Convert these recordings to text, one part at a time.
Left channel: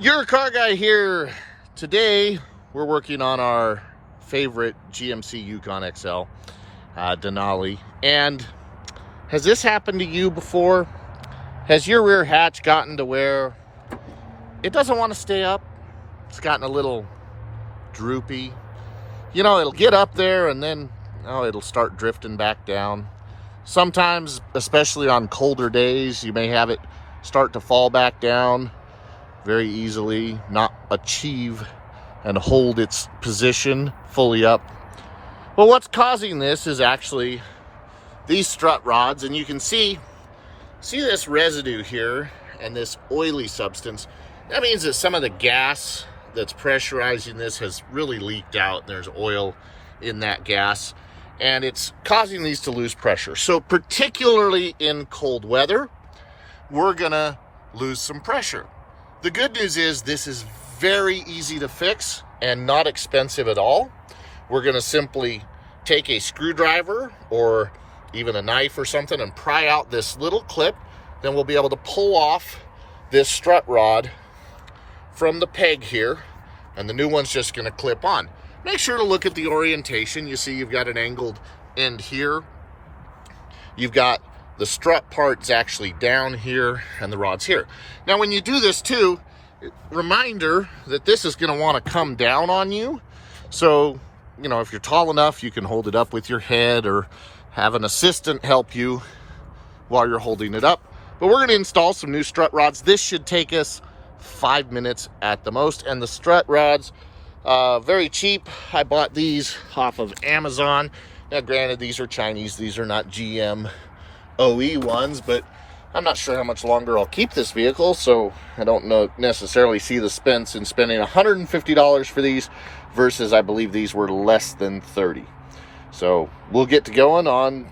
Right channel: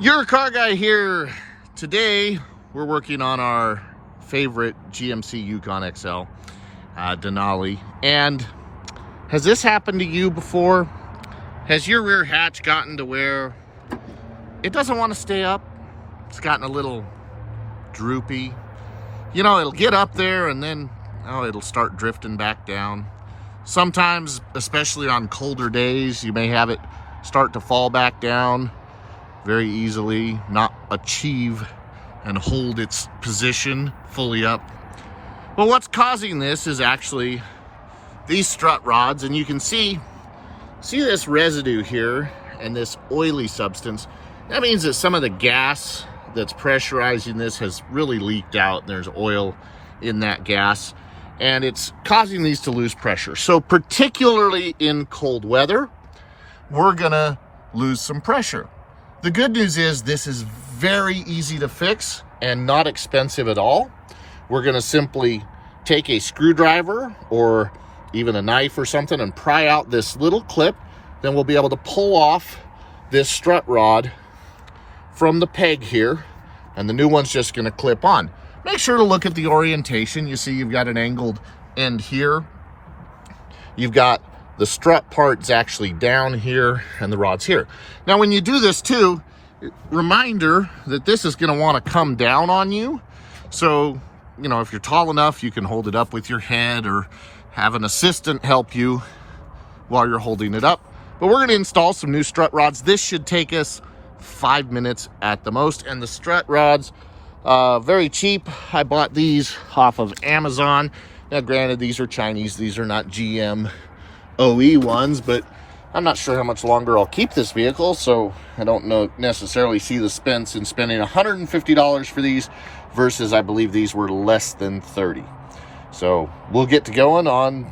Your car guy here. Today we're working on our favorite GMC Yukon XL, Denali. And has this happened to you before? Has your rear hatch gotten to where it doesn't want to stay up? It's gotten a little droopy. You know, it'll get up there and then it'll start drifting back down. Sometimes, especially on colder days, you may have it start to fall back down very easily, not achieve and hold its position fully up. Well, what's causing this is actually these strut rods, and you can see this residue here and this oily substance. That means that some of the gas that's pressurizing this has really leaked out, and there's oil in that gas, and it's causing these to lose pressure. So particularly in cold weather, we're gonna lose some pressure. The good news is this is very easy to fix and not expensive at all. We're gonna simply take a screwdriver or even a knife or something and pry out this little clip. Then we'll be able to pull off this strut rod from the peg here, and the new one's just gonna clip on. Make sure to look at the orientation. You see you've got an angled end here. You've got the strut part's actually down here and the rod's here. Now when you do this too, reminder that this is gonna wanna come down on you. So, you know, if you're tall enough, you can hold it up with your head or have an assistant help you while you're holding it up. But we're gonna install some new strut rods. This should take us 5 minutes at the most. And the strut rods, very cheap. I bought these off of Amazon. Now granted, these are Chinese, these are not GM OE ones, but I'm not sure how much longer I'll keep this vehicle, so I don't necessarily see the sense in spending $150 for these versus I believe these were less than $30. So we'll get to going on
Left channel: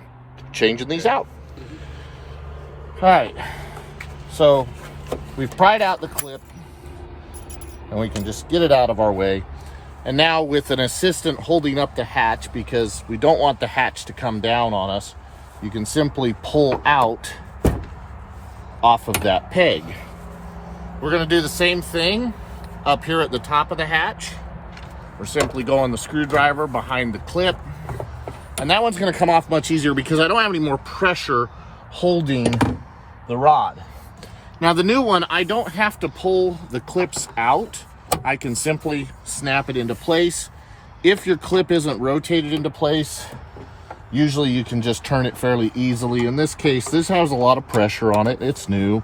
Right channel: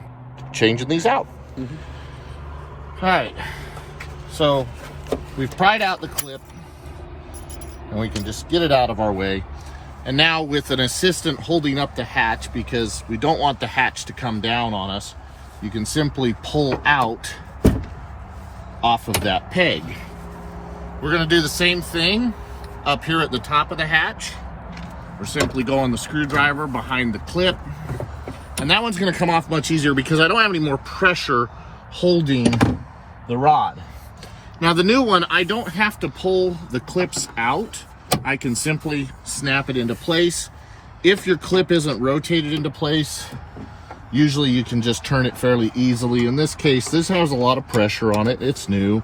changing these out. Okay, so we've pried out the clip and we can just get it out of our way. And now with an assistant holding up the hatch, because we don't want the hatch to come down on us, you can simply pull out off of that peg. We're gonna do the same thing up here at the top of the hatch. We're simply going the screwdriver behind the clip, and that one's gonna come off much easier because I don't have any more pressure holding the rod. Now the new one, I don't have to pull the clips out. I can simply snap it into place. If your clip isn't rotated into place, usually you can just turn it fairly easily. In this case, this has a lot of pressure on it. It's new.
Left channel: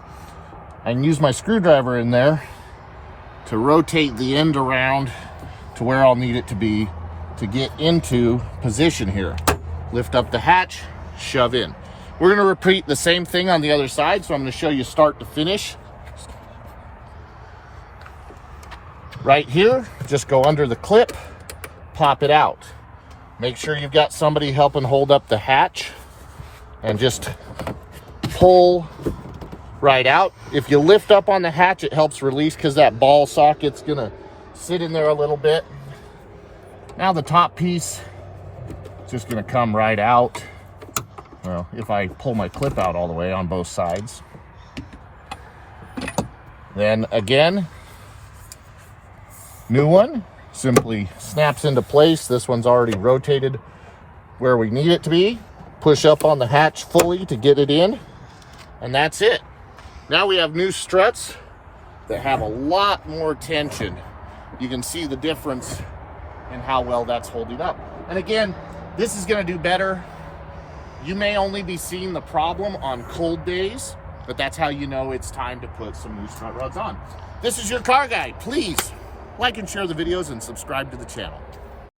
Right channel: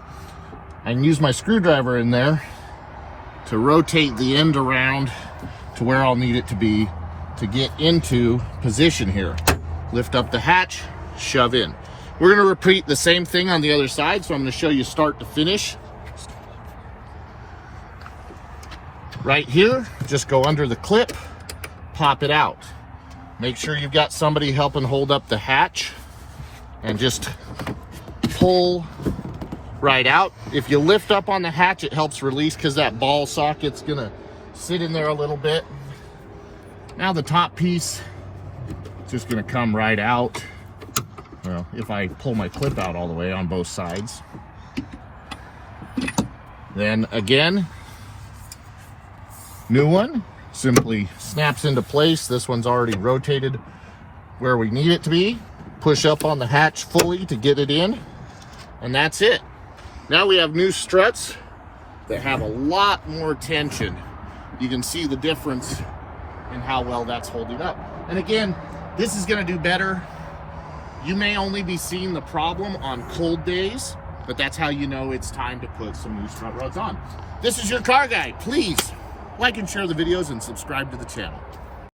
I can use my screwdriver in there to rotate the end around to where I'll need it to be to get into position here. Lift up the hatch, shove in. We're gonna repeat the same thing on the other side, so I'm gonna show you start to finish. Right here, just go under the clip, pop it out. Make sure you've got somebody helping hold up the hatch and just pull right out. If you lift up on the hatch, it helps release because that ball socket's gonna sit in there a little bit. Now the top piece is just gonna come right out. Well, if I pull my clip out all the way on both sides. Then again, new one simply snaps into place. This one's already rotated where we need it to be. Push up on the hatch fully to get it in, and that's it. Now we have new struts that have a lot more tension. You can see the difference in how well that's holding up. And again, this is gonna do better. You may only be seeing the problem on cold days, but that's how you know it's time to put some new strut rods on. This is your car guy. Please like and share the videos and subscribe to the channel.